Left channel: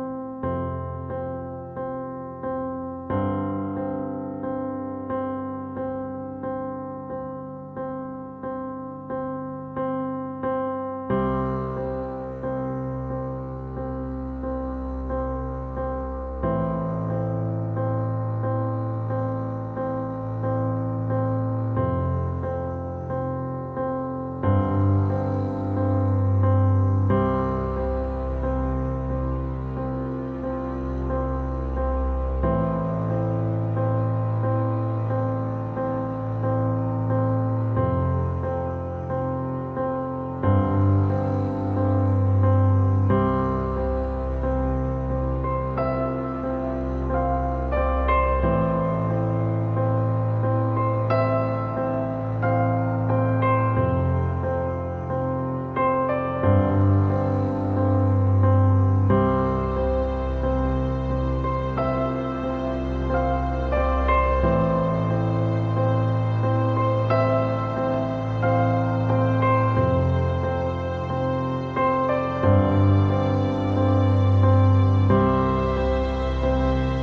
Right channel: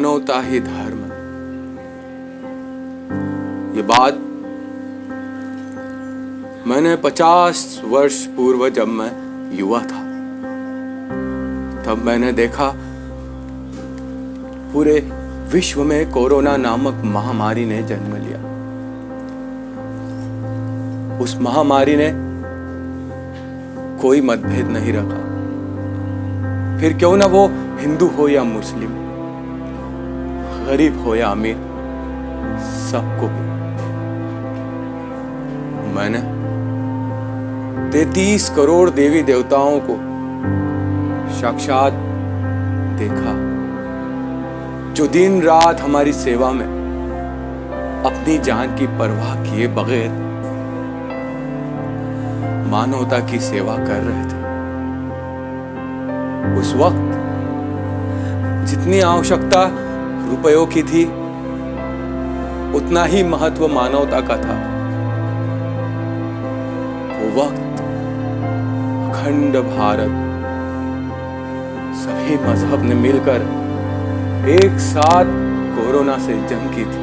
मानवता ही धर्म। ये बात मैंने 50 वर्ष पूर्व जब मैं युवा था तब मैंने देखा पूरे विश्व में कोरोना नामक महामारी ने जन्म लिया। उस महामारी ने कोई मतभेद नहीं रखा, फिर क्यों ना वो हिंदू हो या मुस्लिम, गरीब हो या अमीर, सबको। मैंने 33 करोड़ देवी देवताओं को साक्षात देखा, जो दिन रात हमारी सेवा में अपनी जान की परवाह किए बगैर मानवता की सेवा कर रहे थे। उस वक्त जितनी आवश्यकता रुपयों की थी उतना ही महत्व मानवता का था। वो वक्त अखंड भारत सभी मजहब ने मिलकर एक साथ कोरोना से जंग की थी।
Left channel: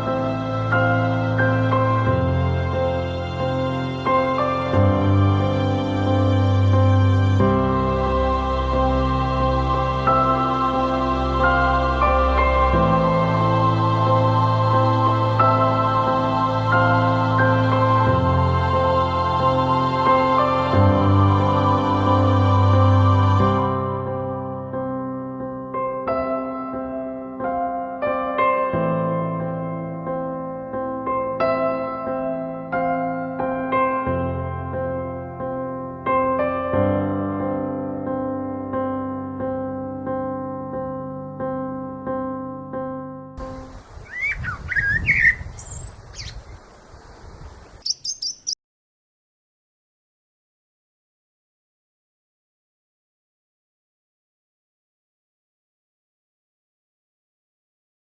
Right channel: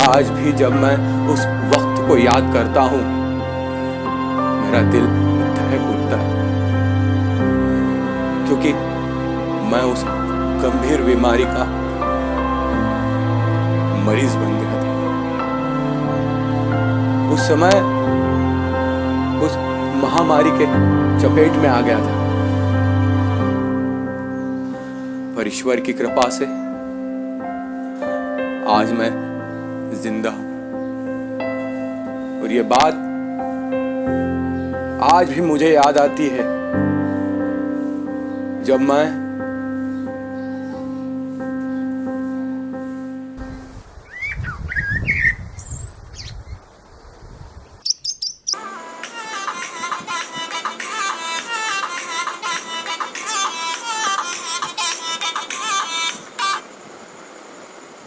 आज भी जब मैं उस वक्त को याद करता हूं मेरा दिल धड़क उठता है, क्योंकि मैं उस गंभीर बीमारी का मरीज बन गया था। उस समय उस महामारी के चपेट में आ गया था, पर ईश्वर की कृपा से आज मैं जिंदा हूं। और ये बात आज भी मुझे याद आती है जब मैं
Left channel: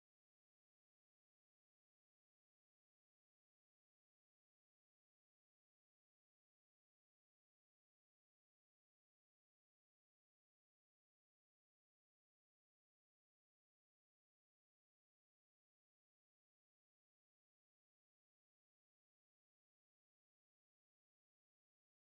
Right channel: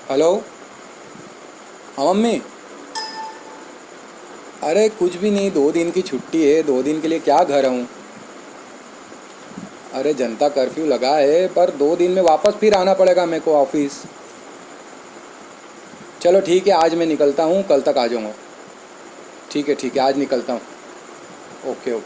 हेलो। हाँ मम्मी। अरे कुछ भी नहीं, 2 दिन की छुट्टी है, 2 दिन के लिए क्या घर आऊँ। अरे जनता कर्फ्यू लगा है, पर 2 दिन में वापस फिर आना पड़ेगा मेरे को ऑफिस। चलो ठीक है, आज मैं निकलता हूँ, कल तक आ जाऊँगा। ठीक है आज निकलता हूँ। ओके।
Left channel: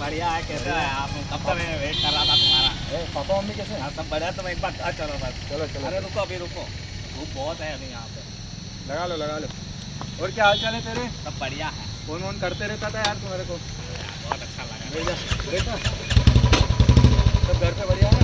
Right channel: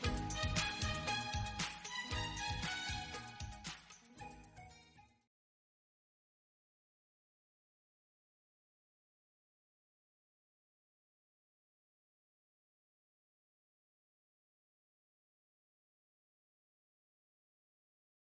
बढ़िया है। कैसे है आप? कब से मैं वेट कर रहा था तुम्हारा। पापा मम्मी कैसे हैं? सब बढ़िया। तुम एक बार चलो बस। चलो। अरे रुको, अभी रुको, धूप बहुत है अभी यहाँ पे। लगा लो। और क्या हाल चाल है तेरे? सब बढ़िया है। फोन करते रहता था यार तुम्हारे को। बहुत अच्छा लगा। सब घर पे बढ़िया है?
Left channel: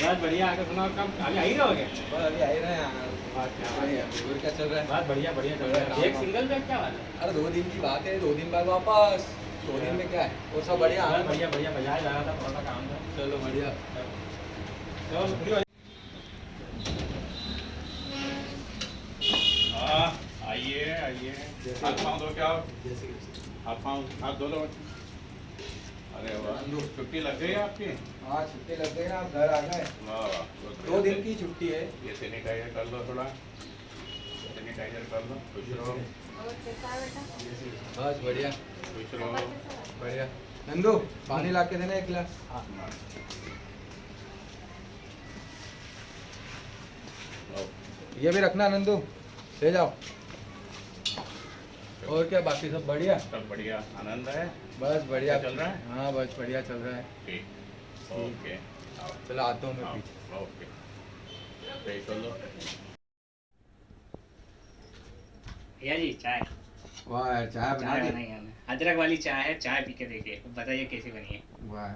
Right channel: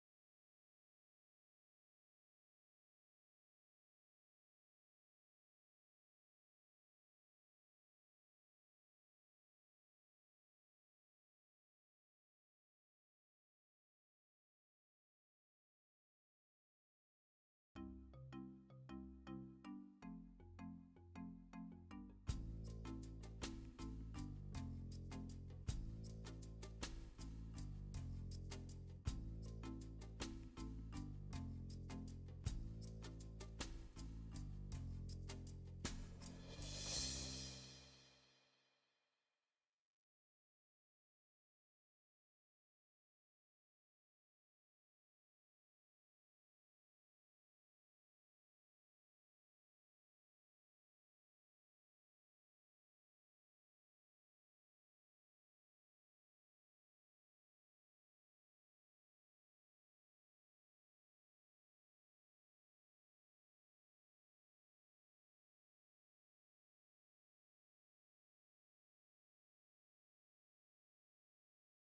बहुत बढ़िया। आगे सुनाओ, कब अभी आ ही रहोगे? बस अभी आ ही रहे हैं। और क्या चल रहा है? बहुत बढ़िया चल रहा है। एक सिंगल बैग क्या बात है? अरे 2 दिन की बात है, 2 दिन बाद वापस। 2 दिन में क्या है, वो सब बढ़िया। बढ़िया बाजार जा रहा था, थोड़ा सा काम था। चलो बढ़िया। आइए हाथ पाँव धो के आओ। हाथ धो लो। अरे वाह, छुट्टी लग गई आपकी? हाँ छुट्टी लग गई ना, आप घर आ गए। 2 दिन की छुट्टी है। ये सैनिटाइजर कर लो, थोड़ा सैनिटाइजर कर लो। खुश रहो। बस बढ़िया। खुश रहो। बढ़िया। नंदू पानी ला के देना 1 गिलास। ये भी रखना नंदू, ले जाओ। और क्या बाकी सब बढ़िया? सब बढ़िया, आनंद है। बस बढ़िया चल रहा है? हाँ बस बढ़िया चल रहा है। ठीक, ओके। आओ, चलो आता हूँ मैं आओ, भी। ओके। पे कर लो। भैया जी चाय वाह यार, चाय बना चाय दी। बनाई हमने, अदरक वाली चाय है, चाय पी के देखिए, बताइए कैसी बनी है। वाह,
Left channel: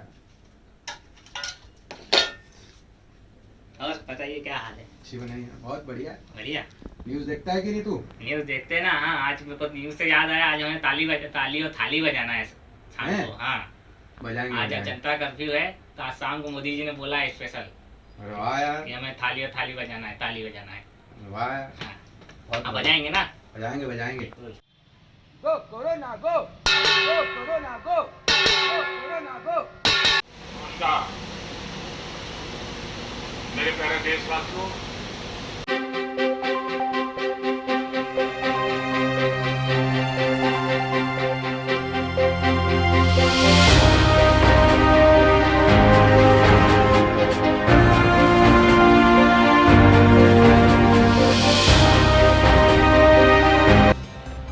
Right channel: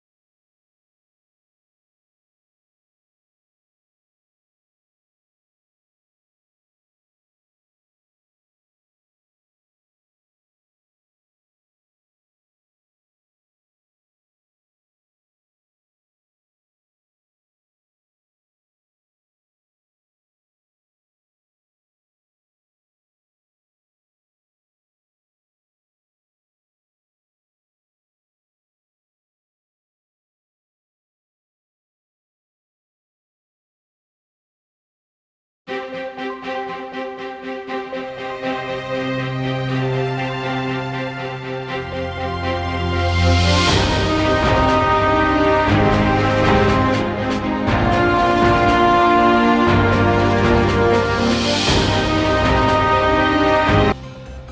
और बताइए क्या हाल है? अच्छी बनाई है, बहुत बढ़िया। बढ़िया। न्यूज़ देखता है कि नहीं तू? न्यूज़ देखते हैं ना। हाँ, आज मेरे को न्यूज़ से याद आया, आज हमें ताली और थाली बजाना है शाम हैं? को। हाँ, बजाएंगे आज बजाएंगे। जनता कर्फ्यू है, तो आज शाम को मोदी जी ने बोला है स्पेशल अरे वाह यार, कि हमें थाली बजाना है, ताली बजाना है। वाह यार, हाँ, बहुत आप बढ़िया। बजाएंगे ना? बजाएंगे बजाएंगे। बिल्कुल। गो कोरोना गो, गो कोरोना गो, गो कोरोना गो। नमस्कार मेरे प्यारे देशवासियों,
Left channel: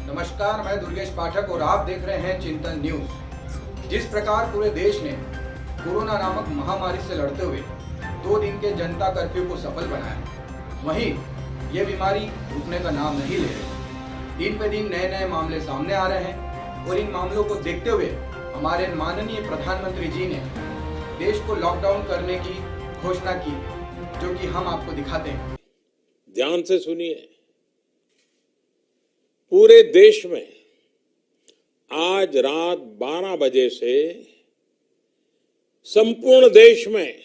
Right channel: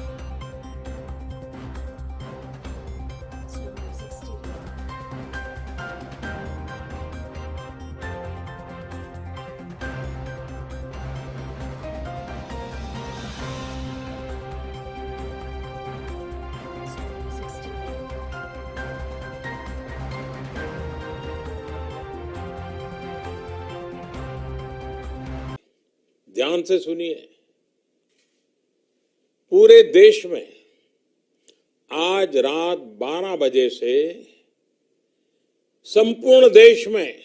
नमस्कार, मैं दुर्गेश पाठक और आप देख रहे हैं चिंतन न्यूज। जिस प्रकार पूरे देश ने कोरोना नामक महामारी से लड़ते हुए 2 दिन के जनता कर्फ्यू को सफल बनाया, वहीं ये बीमारी रुकने का नाम नहीं ले रही। दिन पे दिन नए नए मामले सामने आ रहे हैं और इन मामलों को देखते हुए हमारे माननीय प्रधानमंत्री जी ने देश को लॉकडाउन करने की घोषणा की, जो कि हम आपको दिखाते हैं। ध्यान से सुनिए। पूरे देश में आज रात 12 बजे से संपूर्ण देश में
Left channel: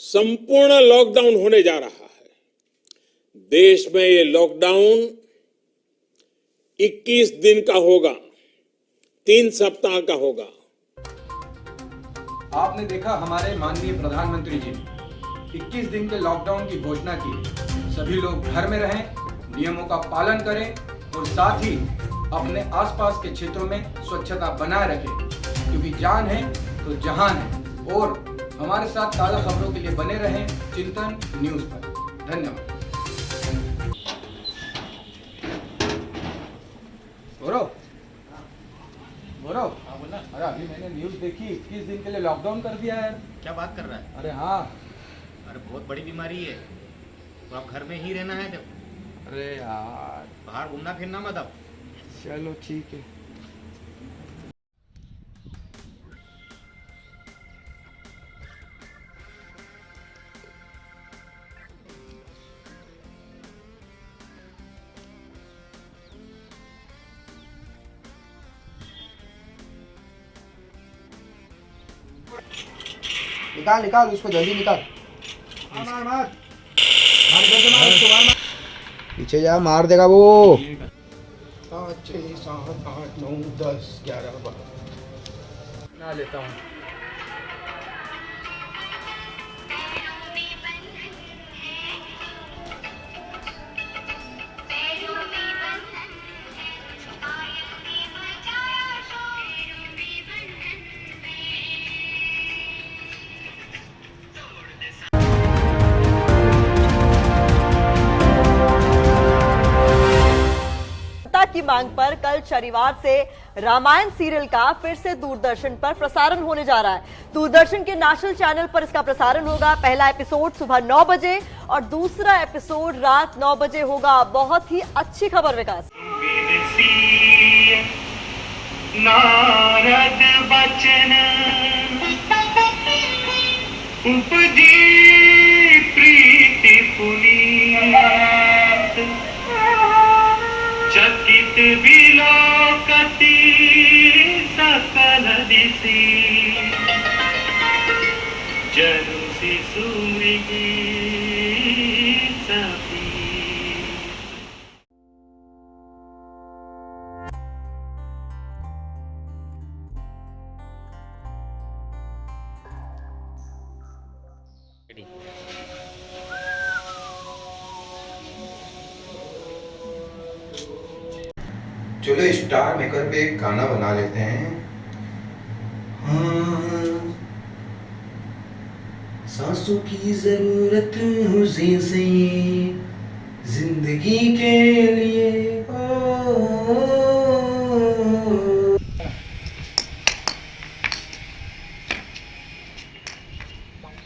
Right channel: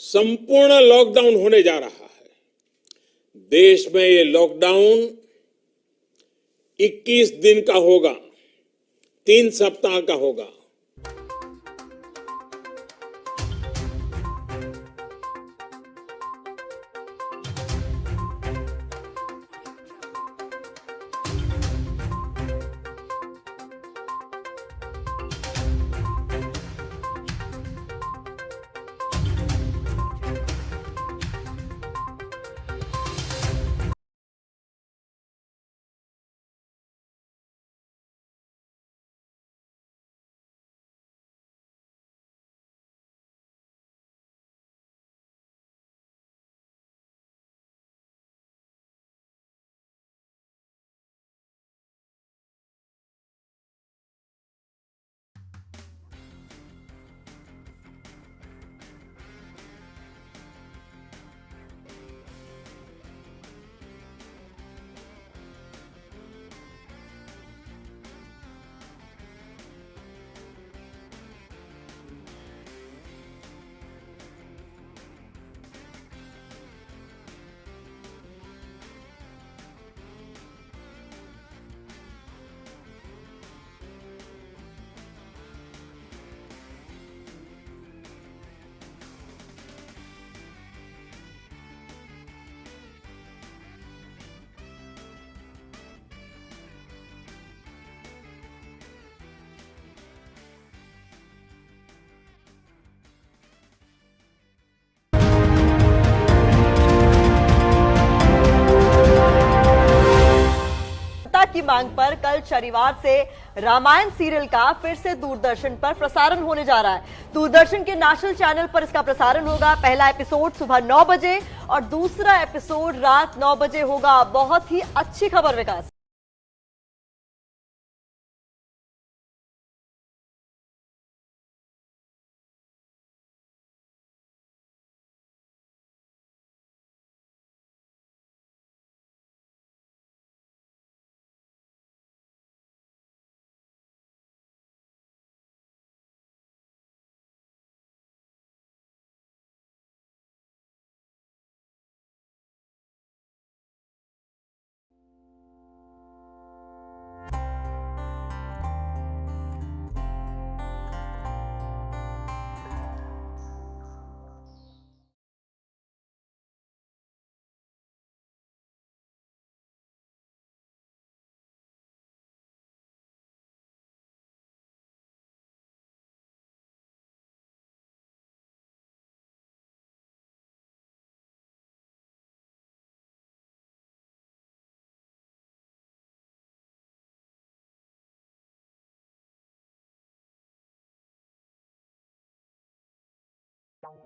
संपूर्ण लॉकडाउन होने जा रहा है। देश में ये लॉकडाउन 21 दिन का होगा, 3 सप्ताह का होगा। आपने देखा हमारे माननीय प्रधानमंत्री जी 21 दिन के लॉकडाउन की घोषणा की। सभी लोग घर में रहें, नियमों का पालन करें और साथ ही अपने आसपास के क्षेत्रों में स्वच्छता बनाए रखें, क्योंकि जान है तो जहान है। और हमारे साथ ताज़ा खबरों के लिए बने रहें चिंतन न्यूज पर। धन्यवाद। गौरव, गौरव, हाँ बोला। अरे अभी मैंने न्यूज देखी, 21 दिन के लिए लॉकडाउन कर दिया है। क्या बात कर रहा है? अरे हाँ। अरे बहुत बड़ी बीमारी है, तो आप घर में ही रहना है। जब अरे यार, बाहर घूमना फिरना मत अब। चलो ठीक है। निकाल निकाल उसको जल्दी निकाल। मार मार मार इधर से मार, उसको मार। पीछे जा, मार देगा वो। 5 6 7 8 9 10 11 12 ना लेता हूँ। की मांग पर कल शनिवार से रामायण सीरियल का फिर से दूरदर्शन पर प्रसारण होने जा रहा है। दूरदर्शन के नेशनल चैनल पर इसका प्रसारण होगा। पहला एपिसोड सुबह 9 बजे और दूसरा एपिसोड रात 9 बजे होगा। बहुत ही अच्छी खबर विकास। नारद बचन उपजी प्रीति पुनीत चकित विलोकति सकल दिशि जनु शिशु मृगी सभी। चलो स्टार मेकर पे एक गाना बना लेते हैं। हाँ, सांसों सांसों की जरूरत मुझे से जिंदगी के लिए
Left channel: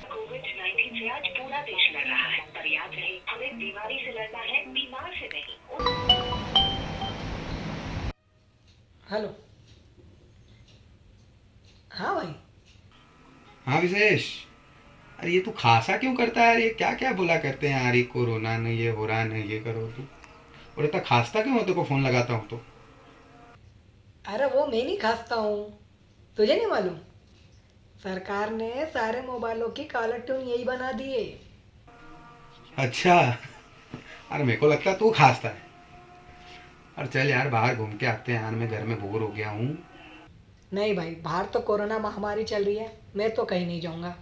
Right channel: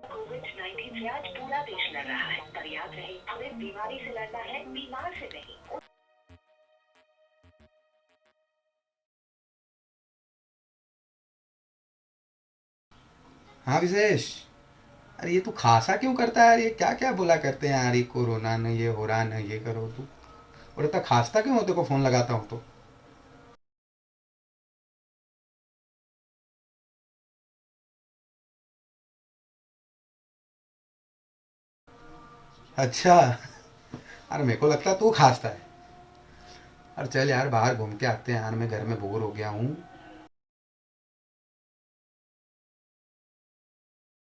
कोविड-19 से आज पूरा देश लड़ रहा है, पर याद रहे हमें बीमारी से लड़ना है, बीमार से नहीं। हेलो। हाँ भाई। हाँ विशेष, अरे ये तू खासा क्यों करता है यार? ये क्या क्या बोला करते हैं यार, ये कोरोना नहीं, ये हो रहा नहीं, ये करो तू। और इतना खासता क्यों हो? तेरे को फोन लगाता हूँ तो। अरे वो मैं नहीं खासता हूँ, तुझे नहीं मालूम? सरकार ने सारे मोबाइलों की कॉलर ट्यून यही बना दी है। अच्छा, अरे मेरे को लगता तू खासता है। अरे चल यार बाहर घूम के आते हैं यार, मैं घर में बोर हो गया हूँ। नहीं भाई, बाहर तो कोरोना महामारी चल रही है, मैं तो कहीं नहीं जाऊंगा।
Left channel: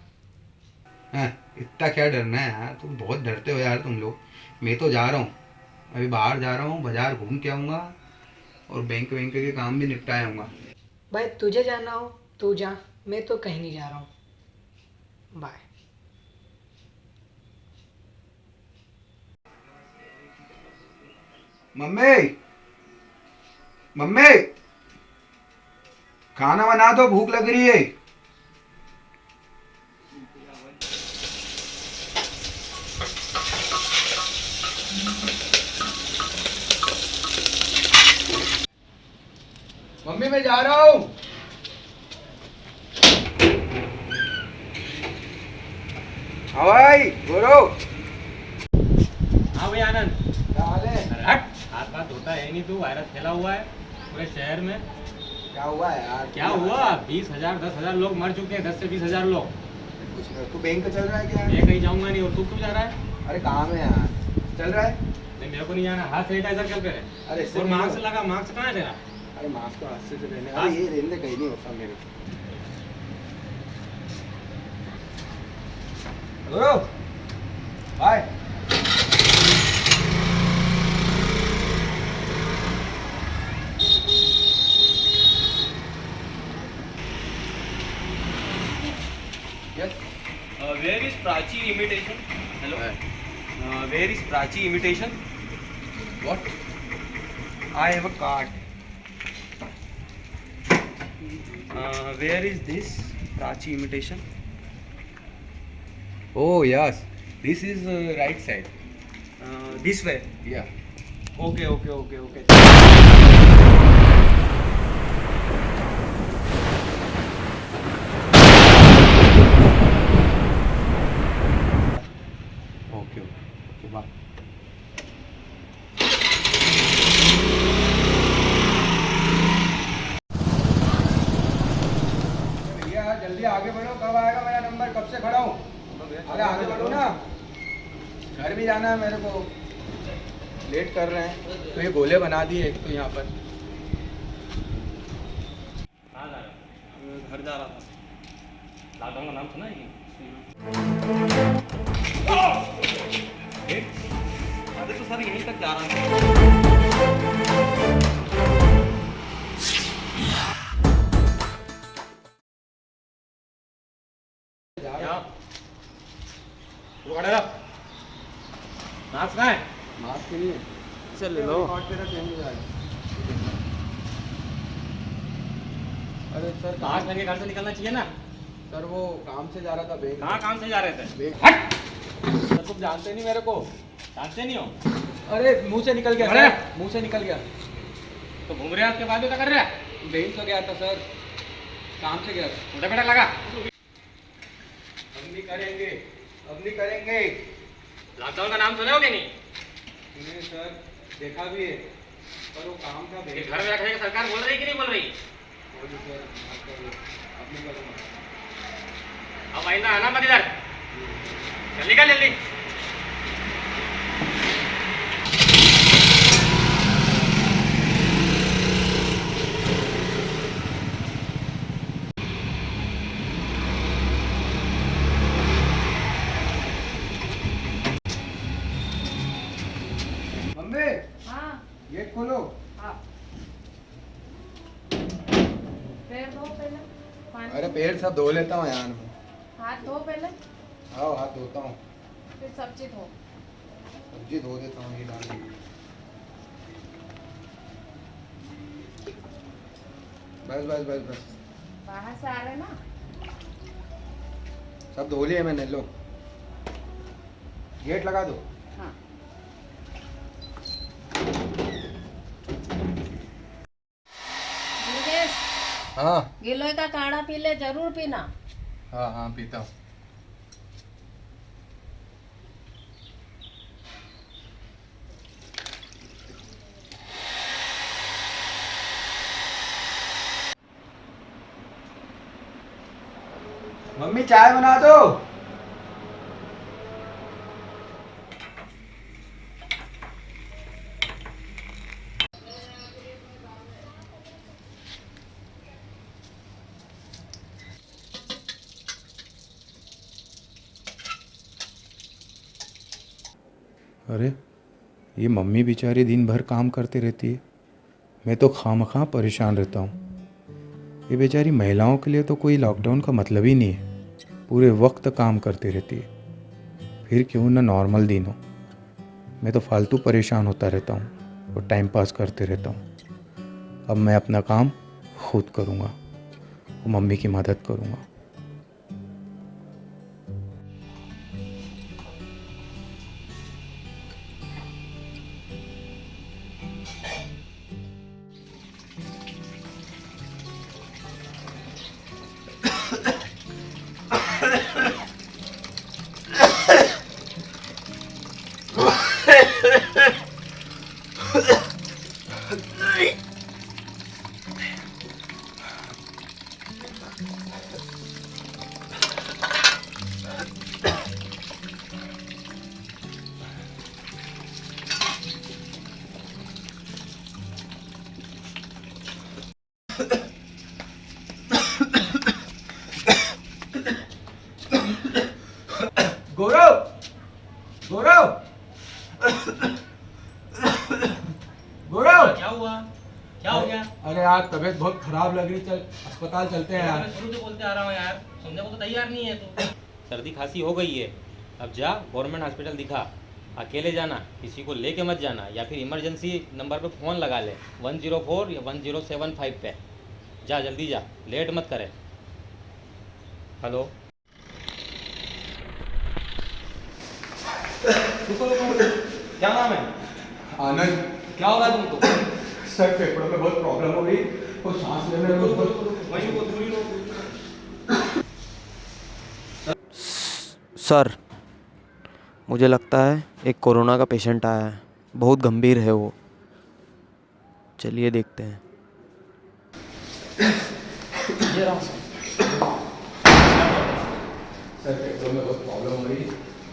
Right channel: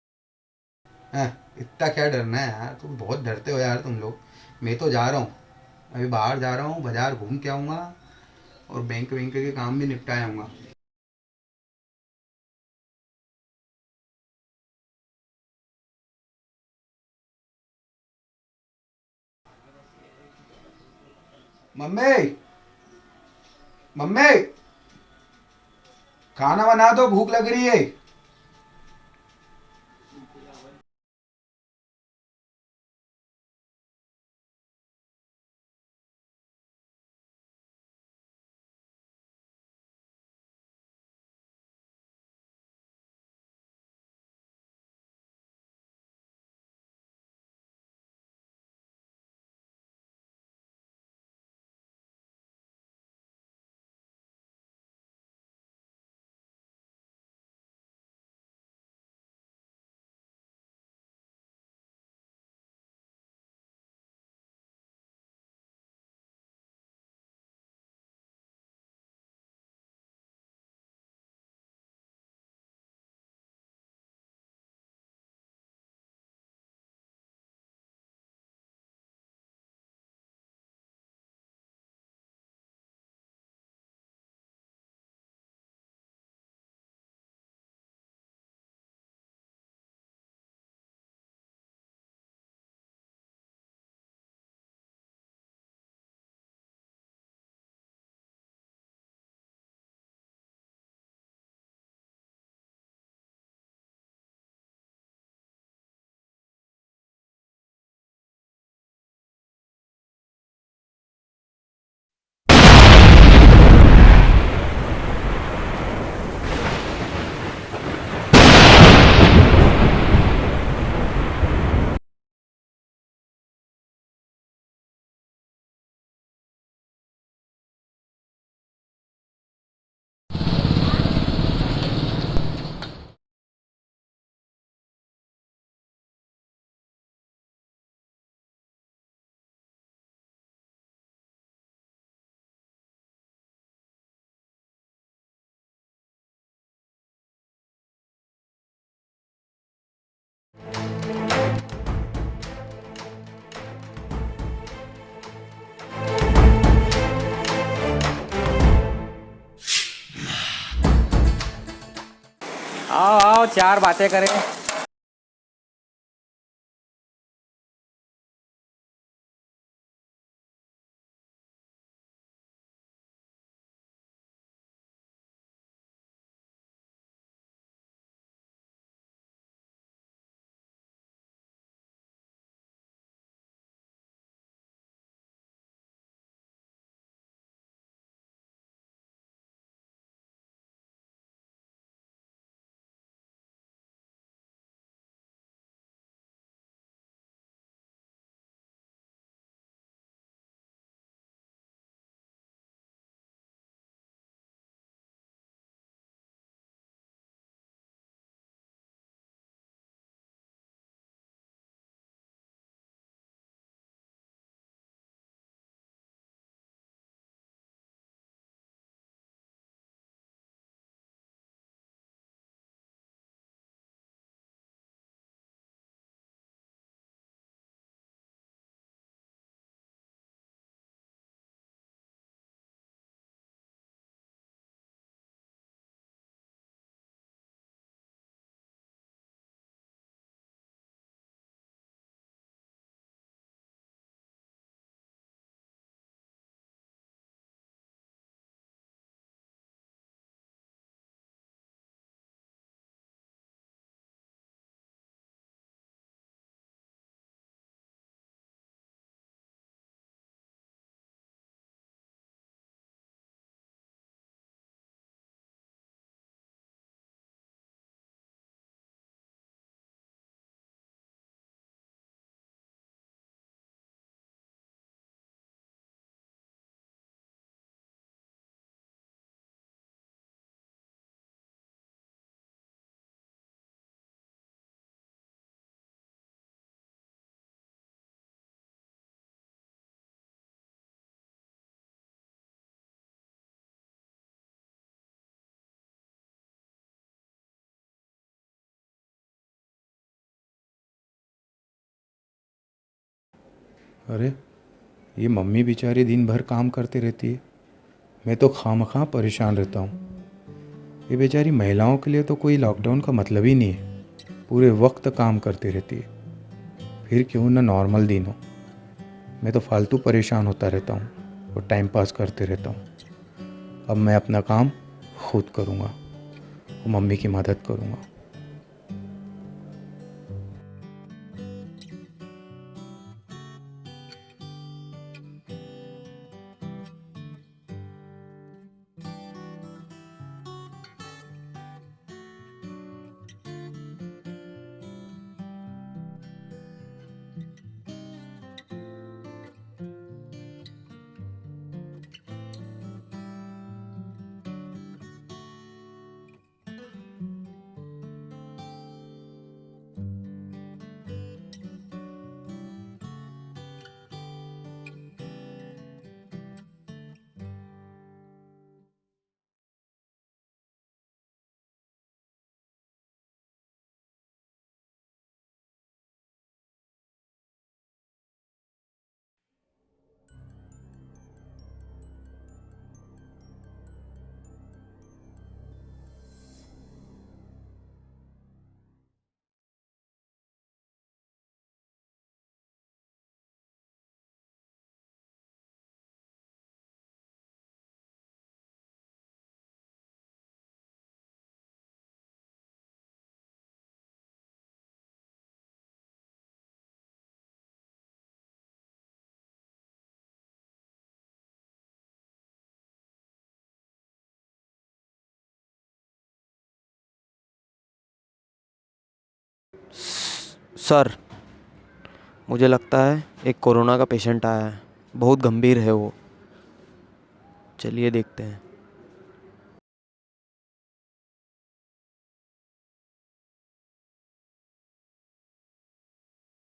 इतना क्या डरना है यार, तुम बहुत डरते हो यार तुम लोग। मैं तो जा रहा हूँ, अभी बाहर जा रहा हूँ, बाजार घूम के आऊँगा और बैंक के काम भी निपटा आऊँगा। भाई तुझे जाना हो तू जा, मैं तो कहीं नहीं जा रहा हूँ। बाय। मम्मी, मम्मी, खाना बना दो, भूख लग रही है। मम्मी मैं जा रहा हूँ। हाँ भाई बोलो। हाँ भाई आनंद, क्या हाल है? अरे हट, हाथ बात धोता है नहीं तू, वायरस फैला हुआ है पूरे शहर में। क्या हुआ है यार? क्या हुआ? 20,000 10,000 लोग मर चुके हैं, 10 से 20,000 लोग। कुछ नहीं, तू बैंक चल रहा है क्या? मैं कहीं जाऊंगा नहीं, और तू क्यों जा रहा है? अरे काम है यार, चल रहा है। नहीं मेरे को नहीं जाना, हाथ सैनिटाइजर कर पहले। अरे इससे और नहीं मास्क होगा। लगा, मास्क कहाँ है तेरा? अरे मास्क तो हाथ से लेने, हाँ? अरे ये लेने कहीं नहीं होता मेरे को। Hello bye. Where is Prachi imitation? Hello? Where is Prachi imitation? What? I have a card. Where is this Prachi imitation? Oh yes, this is right side. This way. Yeah. Okay. Okay. Bye. भैया जल्दी आगे बढ़ो, कब आएगा मेरा number? कब से खड़ा हूँ। अरे आगे बढ़ो ना, घर भी जाना है मेरे को। लेट कर रहे हैं। तो ये गोले बना दिए एक तो यहाँ पर। कहाँ जा रहा है? घर जा रहा था। लॉकडाउन का नाम सुना है? अरे तो सर यहीं तक जा रहा था। आओ आओ, चार बातें करें। मास्क कहाँ है? मास्क नहीं है। चल ले लो। अरे सर मास्क पहन के घर से निकलना चाहिए ना। सर वो काम से जा रहा था बैंक। कहाँ काम से जा रहे थे? हट! सर तुम जानते नहीं मेरे को। जानते नहीं हो? अरे मुंह से निकल गया अरे! सर, मुंह से निकल गया। तो घूम रहे हैं, उसके बाद भी क्या कर रहे हैं? बैंक से गया था सर, काम से गया था। छोटा बेटा लगा। अब नहीं करेंगे, अब नहीं करेंगे। लॉकडाउन का नाम सुने हो कि नहीं? सुनिए सर, देखा भी है, पर वो काम था कि बैंक। घर में रखने की सरकार बोल रही है कि नहीं बोल रही? बोलिए सर, आप करिए, अब नहीं करूँगा। अब आइंदा आना मत इधर। जल्दी कर जल्दी। मम्मी, हाँ गेट खोलो। हाँ। पैर धो पहले, पानी अरे पैर सब धो लेता हूँ यार मैं। हाथ धो पहले। आओ हाथ धोता हूँ। फिर सब्जी धो। सब्जी धो देता हूँ, ये डाल दूँ। बस बस बस बस, बाहर से आ रहे ना। सब धो लिए मैंने, लो गेट लगा दो। हाँ। योगेश, हाँ गिलोय का काढ़ा पी ले, जरूर पीना। हाँ हाँ पीता हूँ। मम्मी चाय बना दो। अरे ये मम्मी बेचारी दिन भर काम करती रहती है, मैं तो खामखा परेशान रहता हूँ। ये बेचारी महिलाओं के लिए तो कोई लॉकडाउन का मतलब ही नहीं है, पूरे वक्त काम करती रहती है। फिर क्यों ना नॉर्मल दिन हो, मैं तो फालतू परेशान होता रहता हूँ और टाइम पास करते रहता हूँ। अब मैं अपना काम खुद करूँगा और मम्मी की मदद करूँगा। गौरव, गौरव, गौरव, क्या हुआ? क्या हो गया? अरे यार तबीयत बहुत खराब लग रही, चल अस्पताल चलते हैं यार। मैं शुरू से बोलते आ रहा हूँ यार, समझने को तो तैयार नहीं है तू। सर्दी खांसी हो गई है, अब जा गवर्नमेंट हॉस्पिटल दिखा। अकेले जाना, किसी को लेके मत जाना, या फिर इमरजेंसी नंबर पे फ़ोन लगा ले 104 या 1075 पे। जा जल्दी जा, लेट मत करे। हेलो, क्या नाम है? आनंद। क्या हो रहा है तुमको? सर फेफड़ों में बहुत प्रॉब्लम हो गई और सांस लेने में सर, मुझे लगता है एक कोरोना का पेशेंट आया है, बहुत गंभीर है वो। चलिए देखते हैं। सर फेफड़ों में बहुत प्रॉब्लम हो रही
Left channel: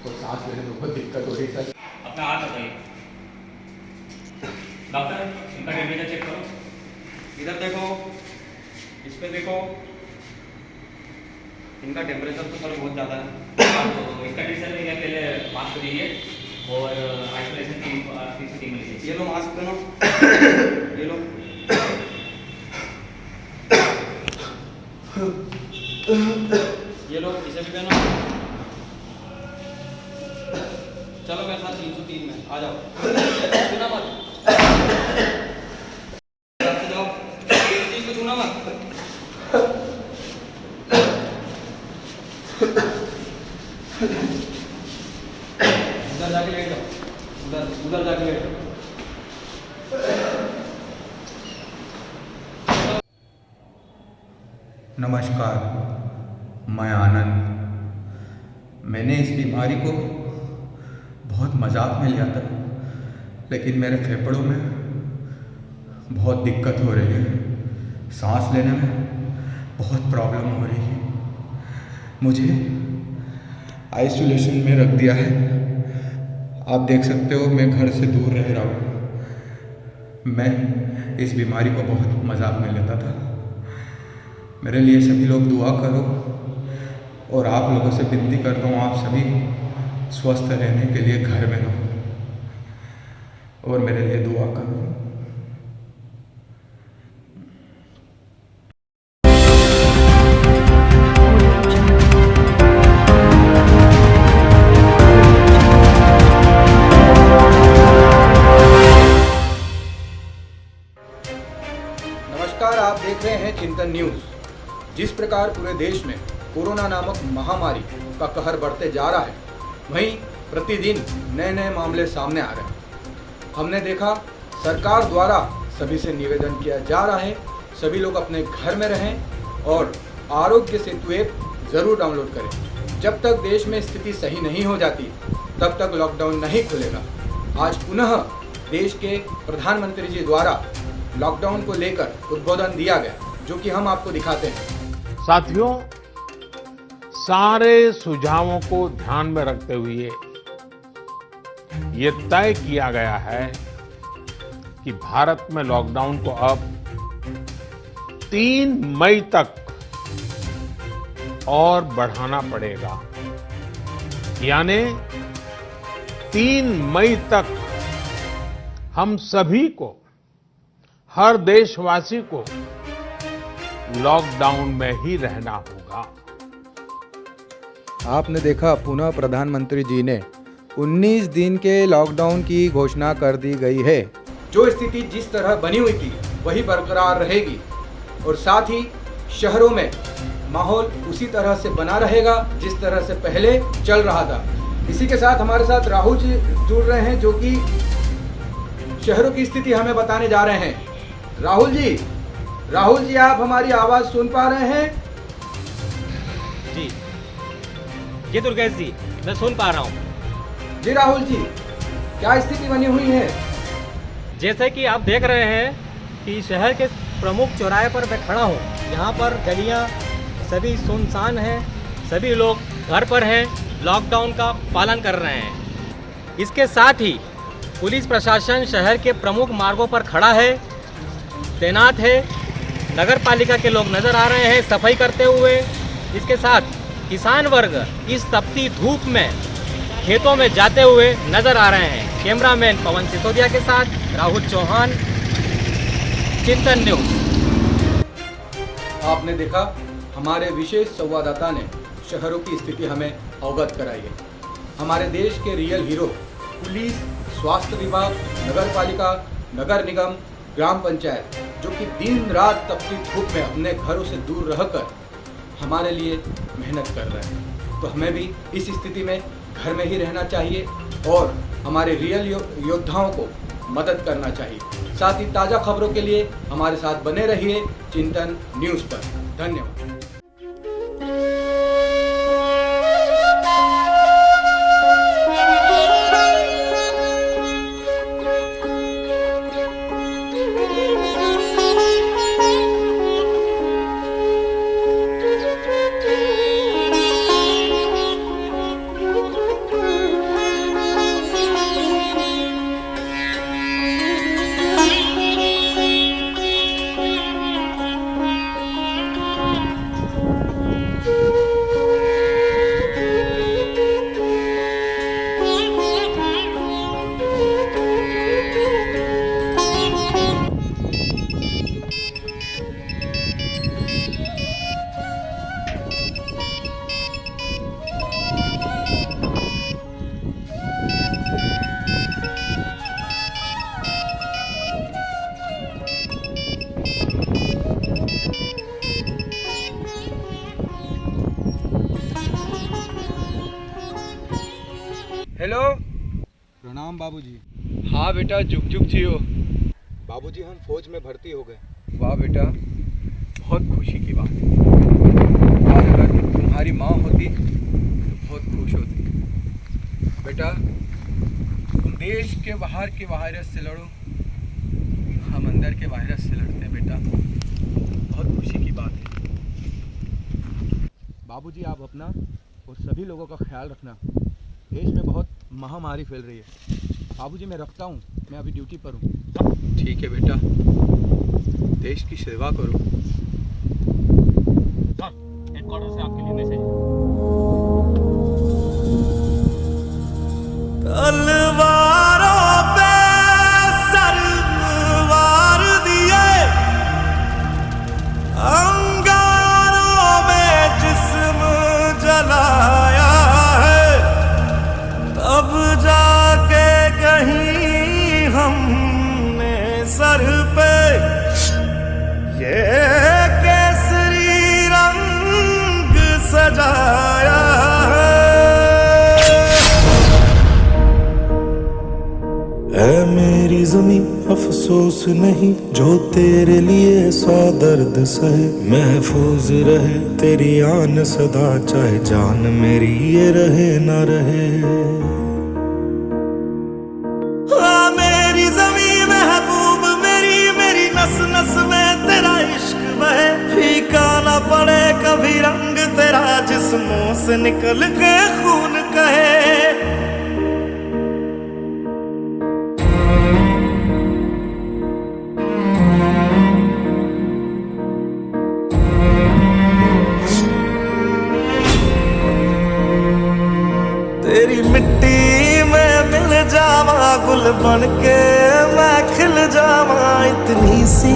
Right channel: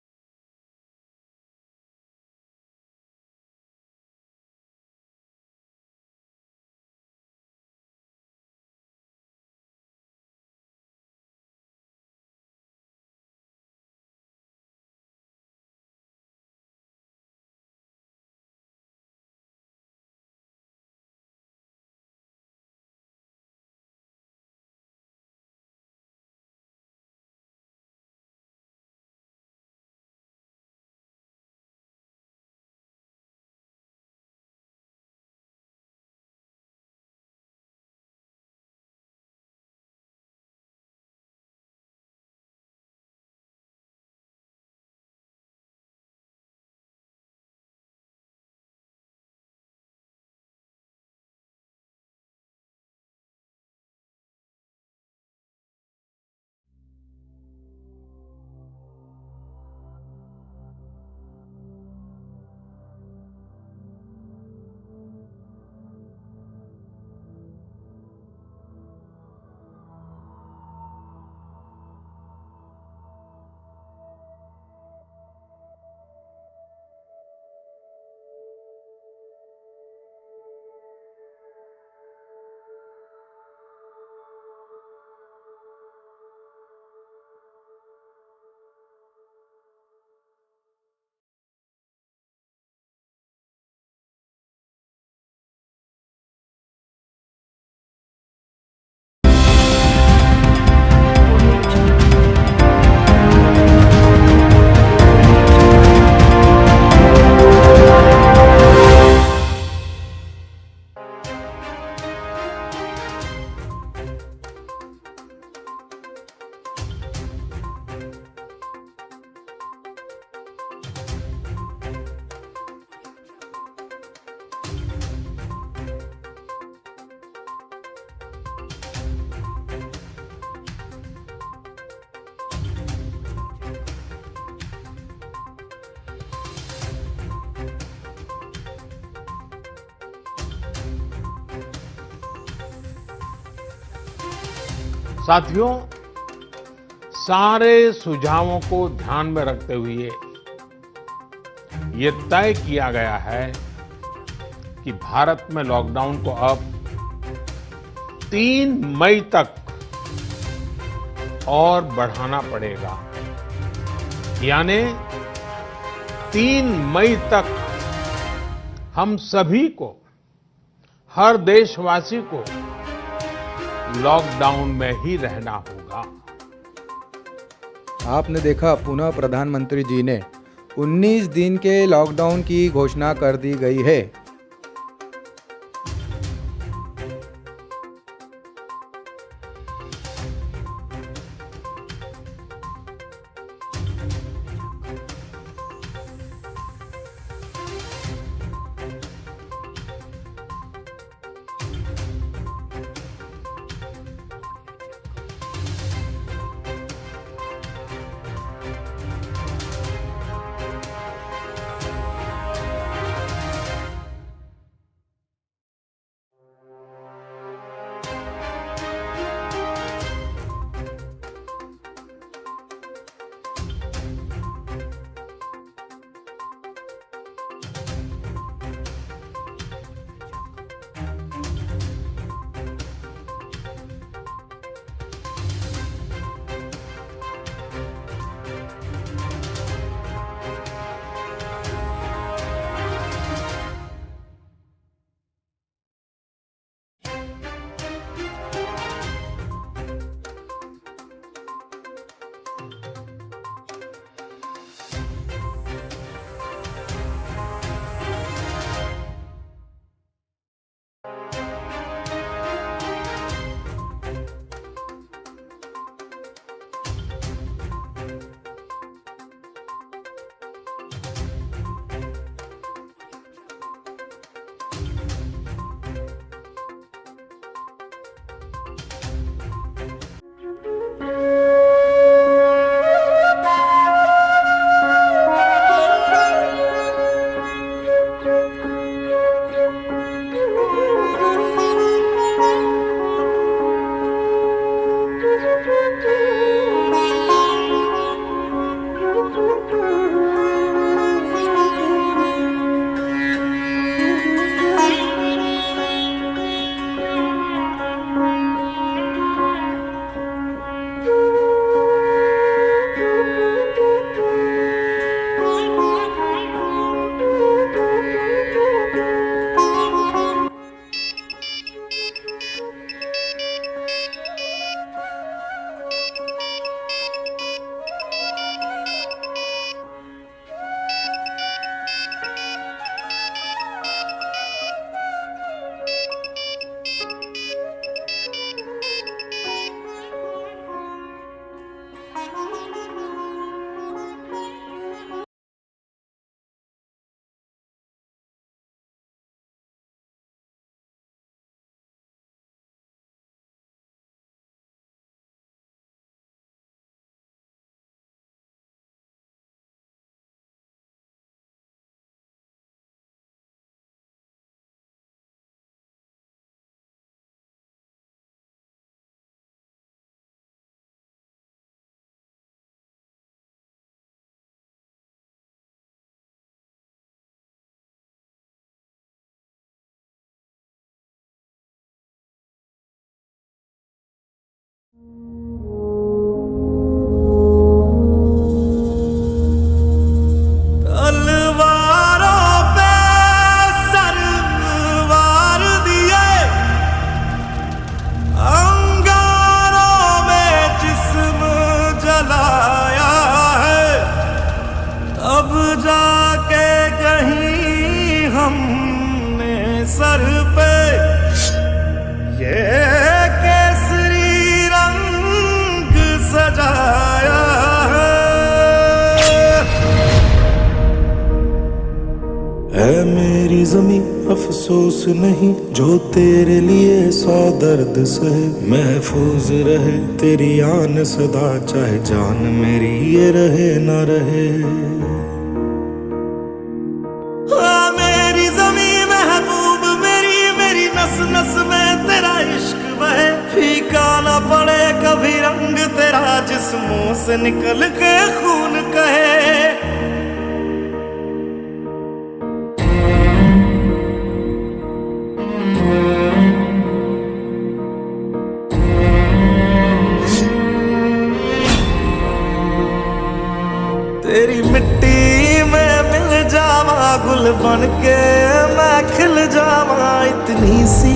और सांस लेने में बहुत दिक्कत हो रही सर। अपना हाथ बताइए। डॉक्टर, इनका टेम्परेचर चेक करो। इधर देखो, इस पे देखो, इनका टेम्परेचर तो सर बहुत ज़्यादा है। तो इसका कंडीशन में पहले मास्क दीजिए और आइसोलेशन टीम में लीजिए। ये लो मास्क पहनो, ये लो। ये लो, इसे भी पहनो। चलो मेरे साथ 303 में आ जाओ। छूना मत, जाओ, किसी को छूना मत। उधर जाके लेट जाओ, उधर जाके लेट जाओ। नमस्कार, मैं आनंद। मैंने इस बीमारी को बहुत मजाक में लिया था, लेकिन मेरे फेफड़ों में बहुत दिक्कत हो रही है, सांस लेने में बहुत प्रॉब्लम हो रही है। मुझे आइसोलेशन में रख दिया है। आप देख सकते हो मैं घर से दूर रह रहा हूँ। मैं इस बीमारी को बहुत मजाक में लेता था। मेरे लिए सभी लोग दुआ करो और आप लोगों से विनती करता हूँ, आप सभी स्वस्थ रहने के लिए घर में रहो और मेरे लिए दुआ करो। देश में कोरोना नामक महामारी का कहर बढ़ते जा रहा है, वहीं प्रतिदिन नए नए मामले सामने आ रहे हैं। हमने देखा सरकार द्वारा सभी से निवेदन किया जा रहा है, सभी लोग अपने घर में रहें और आरोग्य सेतु ऐप जरूर डाउनलोड करें। जब तक देश में स्थिति सही नहीं हो जाती तब तक लॉकडाउन नहीं खुलेगा। आज पुनः देश के प्रधानमंत्री जी द्वारा लॉकडाउन को लेकर उद्बोधन दिया गया, जो कि हम आपको दिखाते हैं। साथियों, सारे सुझावों को ध्यान में रखते हुए ये तय किया गया है कि भारत में लॉकडाउन को अब 3 मई तक और बढ़ाना पड़ेगा, यानी 3 मई तक हम सभी को, हर देशवासी को लॉकडाउन में ही रहना होगा। आपने देखा पुनः प्रधानमंत्री जी ने 19 दिन के लॉकडाउन की घोषणा कर दी गई है। जो स्थिति जिस तरह बनी हुई थी वही बरकरार रहेगी और साथ ही शहरों में माहौल उसी तरह से बना रहेगा जिस तरह से पहले चल रहा था। इसी के साथ हमारे साथ राहुल जी जुड़ रहे हैं, जो कि शहरों की स्थिति हमें बताने जा रहे हैं। राहुल जी आप हमारी आवाज सुन पा रहे हैं? जी जी दुर्गेश जी, मैं सुन पा रहा हूँ। जी राहुल जी, क्या स्थिति बनी हुई है? जैसे कि आप देख रहे हैं कि शहर के प्रमुख चौराहे पर मैं खड़ा हूँ, यहाँ पर गलियाँ सभी सुनसान हैं, सभी लोग घर पर हैं, लॉकडाउन का पालन कर रहे हैं। इसके साथ ही पुलिस प्रशासन शहर के प्रमुख मार्गों पर खड़ा है, तैनात है। नगर पालिका के लोग नजर आ रहे हैं सफाई करते हुए। इसके साथ किसान वर्ग इस तपती धूप में खेतों में जाते हुए नजर आ रहे हैं। कैमरामैन पवन सिसोदिया के साथ राहुल चौहान, चिंतन न्यूज। आपने देखा हमारे विशेष संवाददाता ने शहरों की स्थिति हमें अवगत कराई है। हमारे देश के रियल हीरो पुलिस, स्वास्थ्य विभाग, नगर पालिका, नगर निगम, ग्राम पंचायत, जो कि दिन रात तपती धूप में अपने घरों से दूर रहकर हमारे लिए मेहनत कर रहे हैं। तो हमें भी इस स्थिति में घर में ही रहना चाहिए और हमारे रियल योद्धाओं को मदद करना चाहिए। साथ ही ताज़ा खबरों के लिए हमारे साथ बने रहिए चिंतन न्यूज़ पर। धन्यवाद। हेलो, प्रणाम बाबूजी। हाँ बेटा, जुग जुग जियो। बाबूजी हम फौज में भर्ती हो गए। वाह बेटा, बहुत खुशी की बात है। आज अगर तुम्हारी माँ होती तो बहुत खुश होती। बेटा, तुम देश के बाहर के वायरस से लड़ो, हम अंदर के वायरस से लड़ते हैं बेटा। बहुत खुशी की बात है। बाबूजी आप अपना और सभी लोगों का ख्याल रखना। देश में बहुत महामारी फैल रही है। बाबूजी मैं रखता हूँ, मैं अभी ड्यूटी पर हूँ। ठीक है बेटा, देश की सेवा करो। हेडक्वार्टर से आपके लिए मैसेज। तलवारों पे सरवार दिए, अंगारों में जिस्म जलाया है, तब जाके कहीं हमने सर पे ये केसरी रंग सजाया है। ऐ मेरी ज़मीं अफसोस नहीं जो तेरे लिए 100 दर्द सहे, महफूज रहे तेरी आन सदा चाहे जान मेरी ये रहे ना रहे। मेरी ज़मीं महबूब मेरी, मेरी नस नस में तेरा इश्क बहे, फीका ना पड़े कभी रंग तेरा जिस्मों से निकल के खून कहे। तेरी मिट्टी में मिल जावा गुल बन के मैं खिल जावा, इतनी सी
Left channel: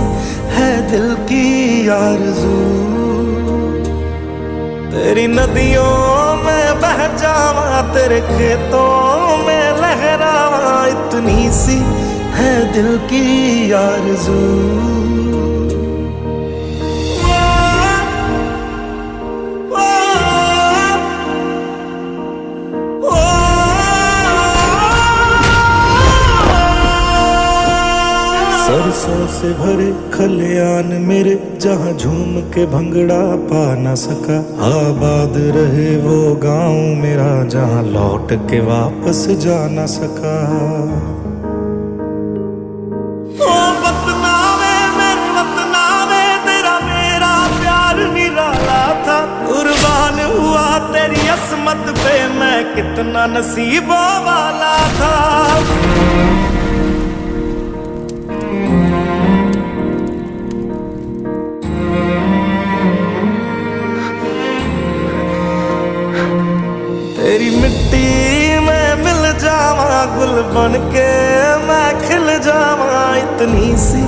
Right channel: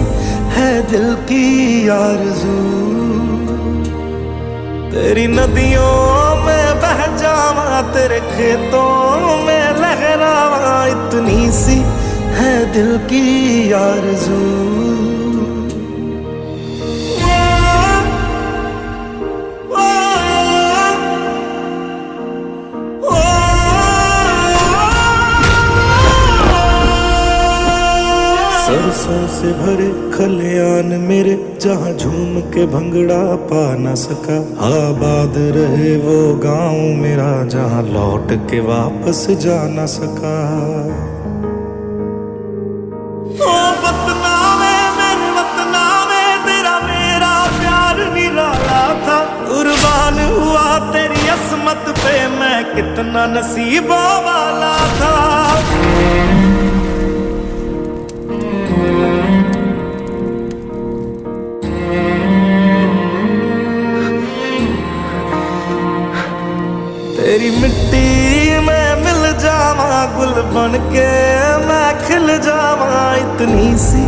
है दिल की आरज़ू। तेरी नदियों में बह जावा तेरे खेतों में लहरावा, इतनी सी है दिल की आरज़ू। सरसों से भरे खलियान मेरे जहाँ झूम के भंगड़ा पा न सका, आबाद रहे वो गांव मेरा जहाँ लौट के वापस जा न सका। ओ वतना में मेरे वतना में तेरा मेरा प्यार निराला था, कुर्बान हुआ तेरी असमत पे मैं कितना नसीबों वाला था। तेरी मिट्टी में मिल जावा गुल बन के मैं खिल जावा, इतनी सी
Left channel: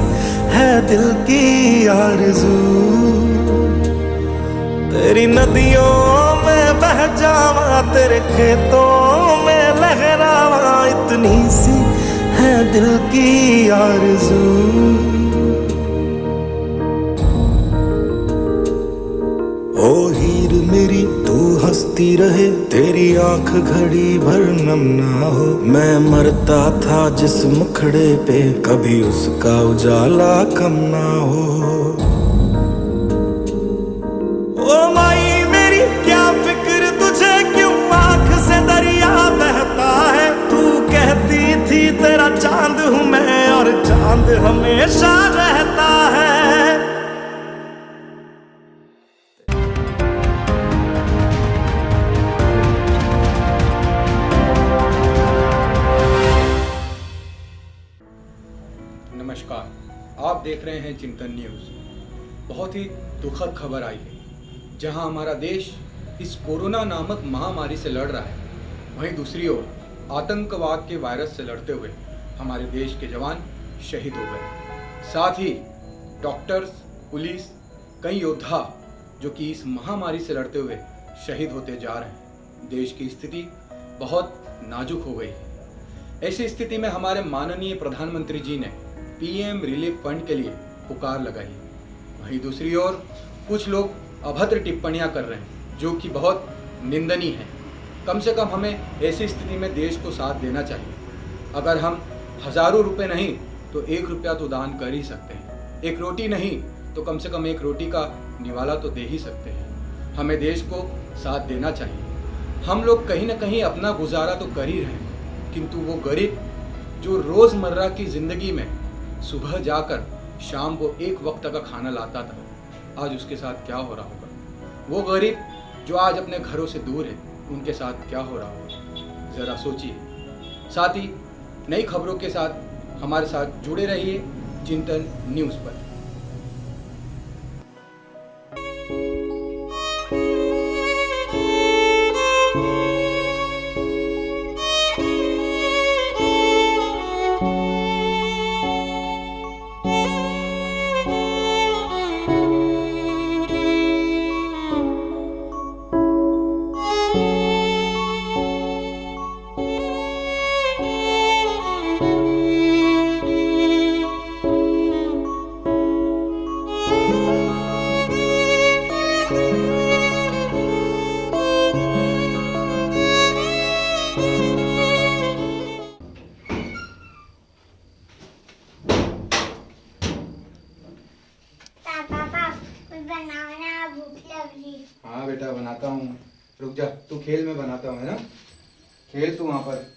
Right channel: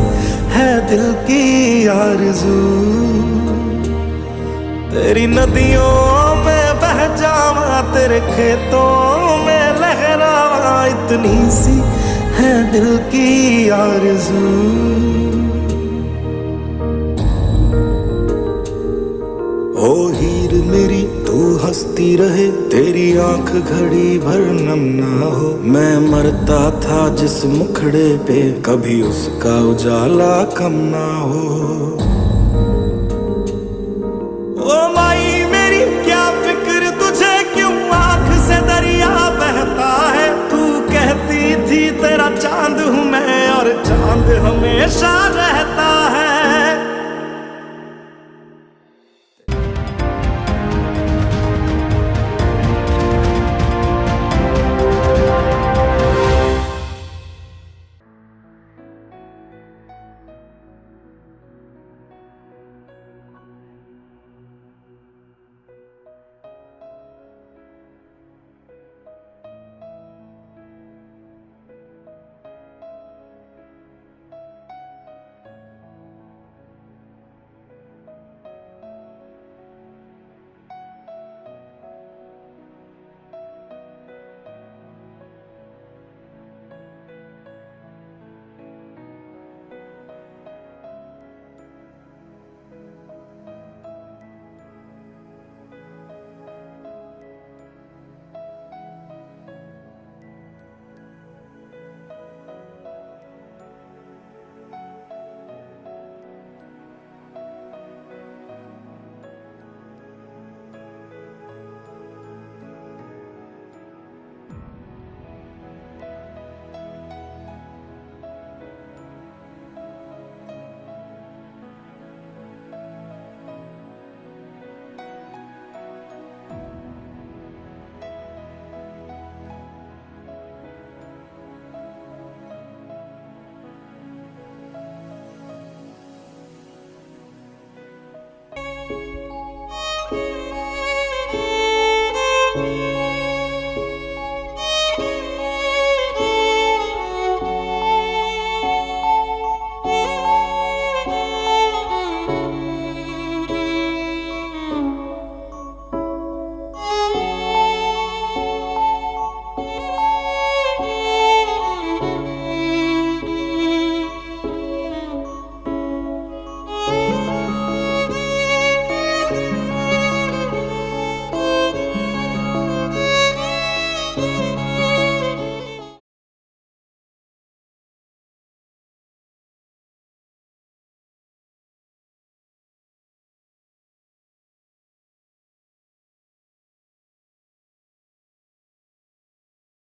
है दिल की आरज़ू। तेरी नदियों में बह जावा तेरे खेतों में लहरावा, इतनी सी है दिल की आरज़ू। ओ हीर मेरी तू हंसती रहे तेरी आंख घड़ी भर नम ना हो, मैं मरता था जिस मुखड़े पे कभी उसका उजाला कम ना हो। ओ माई मेरी क्या फिक्र तुझे क्यों आंख से दरिया बहता है, तू कहती थी तेरा चांद हूँ मैं और चांद हमेशा रहता है। आप देख रहे हैं चिंतन न्यूज़। बहुत ही दुखद खबर आई है, जहां हमारा देश इस कोरोना नामक महामारी से लड़ रहा है, वहीं दूसरी ओर आतंकवाद के वायरस से लड़ते हुए हमारे देश के जवान शहीद हो गए। साथ ही डॉक्टर्स, पुलिस, कई योद्धा जो कि इस महामारी से लड़ते हुए शहीद होते जा रहे हैं। देश की स्थिति बहुत नाजुक हो गई है। ऐसी स्थिति में हमारे माननीय प्रधानमंत्री जी ने पीएम रिलीफ फंड के लिए पुकार लगाई है। वहीं दूसरी ओर कुछ लोग अभद्र टिप्पणियां कर रहे हैं जो कि बहुत निंदनीय है। कम से कम हमें ऐसी स्थिति में देश को साथ देना चाहिए। अगर हम हज़ारों रुपए नहीं तो 1 रुपया तो दान कर ही सकते हैं। एक रोटी नहीं तो कम से कम 1 रोटी का निवाला तो दे ही सकते हैं। हमें देश को साथ देना चाहिए। हम लोग कहीं ना कहीं अपना गुजारा तो कर ही रहे हैं, किंतु वो गरीब जो रोज़मर्रा की ज़िंदगी में सुबह जाकर शाम को 1 वक्त का खाना लाता था, आज उसके साथ क्या हो रहा होगा। वो गरीब जो आज अपने घरों से दूर है, उनके साथ क्या हो रहा होगा, ज़रा सोचिए। साथ ही नई खबरों के साथ हमारे साथ जुड़े रहिए चिंतन न्यूज़ पर। बेटा बनाता हूँ, रुक जा, तू खेल में बनाता हूँ, है ना? खेल तू वहाँ पर।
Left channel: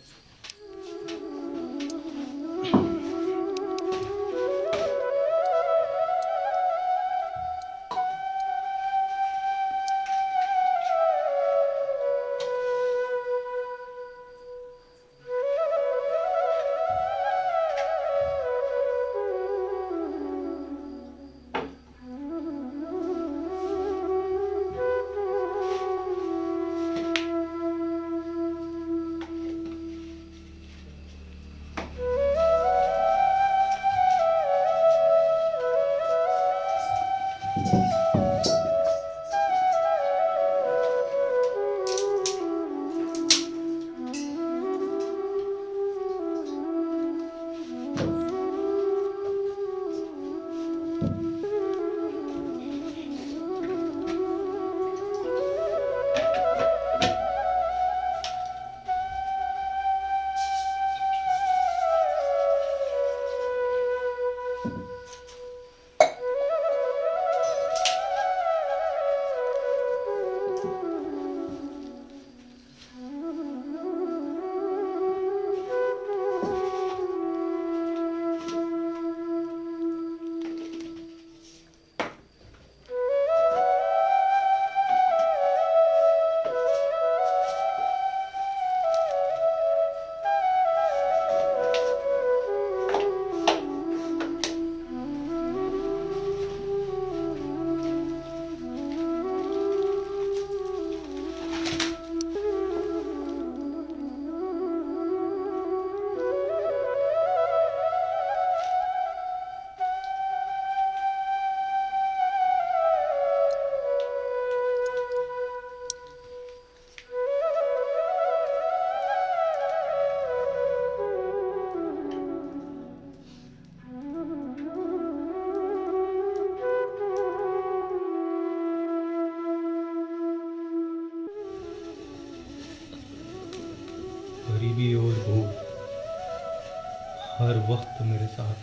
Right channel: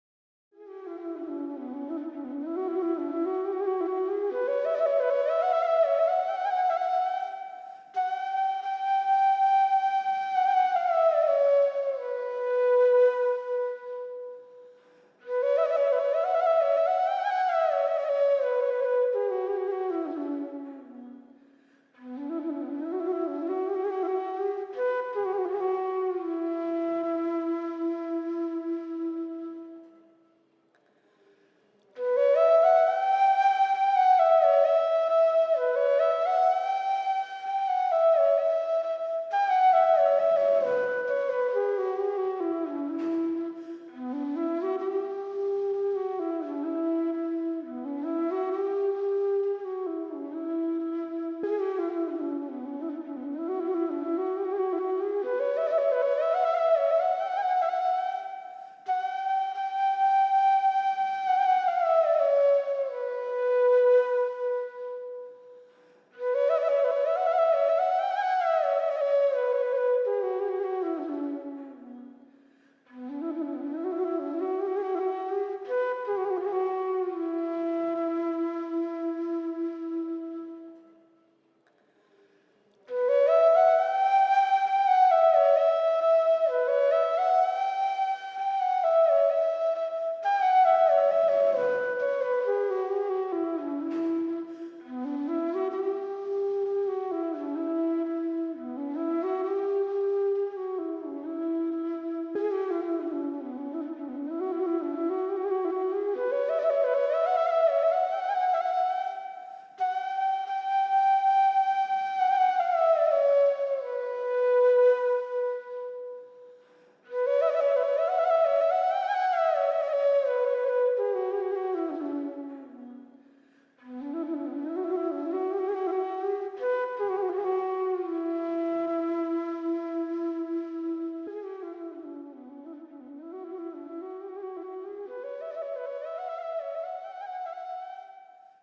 हर वक्त मेरे साथ।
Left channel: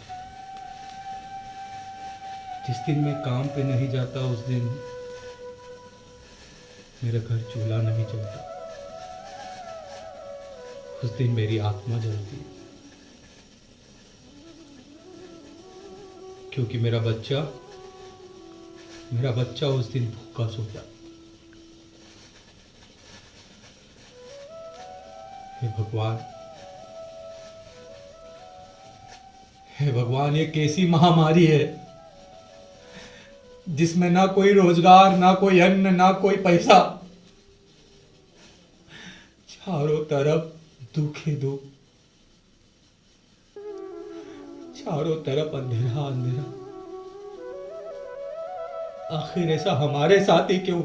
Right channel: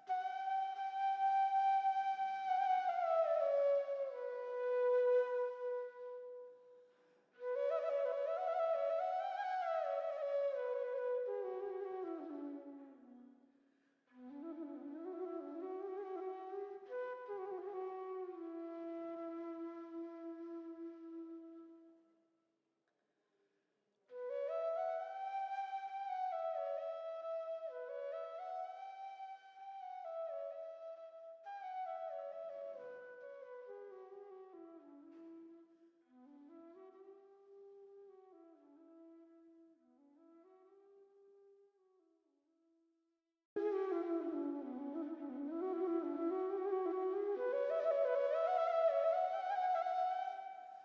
जिस दिन मैं काम पे नहीं जाता उस दिन मेरे घर चूल्हा नहीं जलता, उस दिन मेरी आत्मा जलती, क्योंकि मेरा बच्चा उस दिन भूखा सोता। हे भगवान, ये कैसी महामारी है जिसमें ना कोई रोजगार, ना कोई अन्न, ना कोई पैसा, चारों तरफ दुख ही दुख, चारों तरफ अंधेरा अंधेरा। आखिर ऐसा हमारे साथ ही क्यों?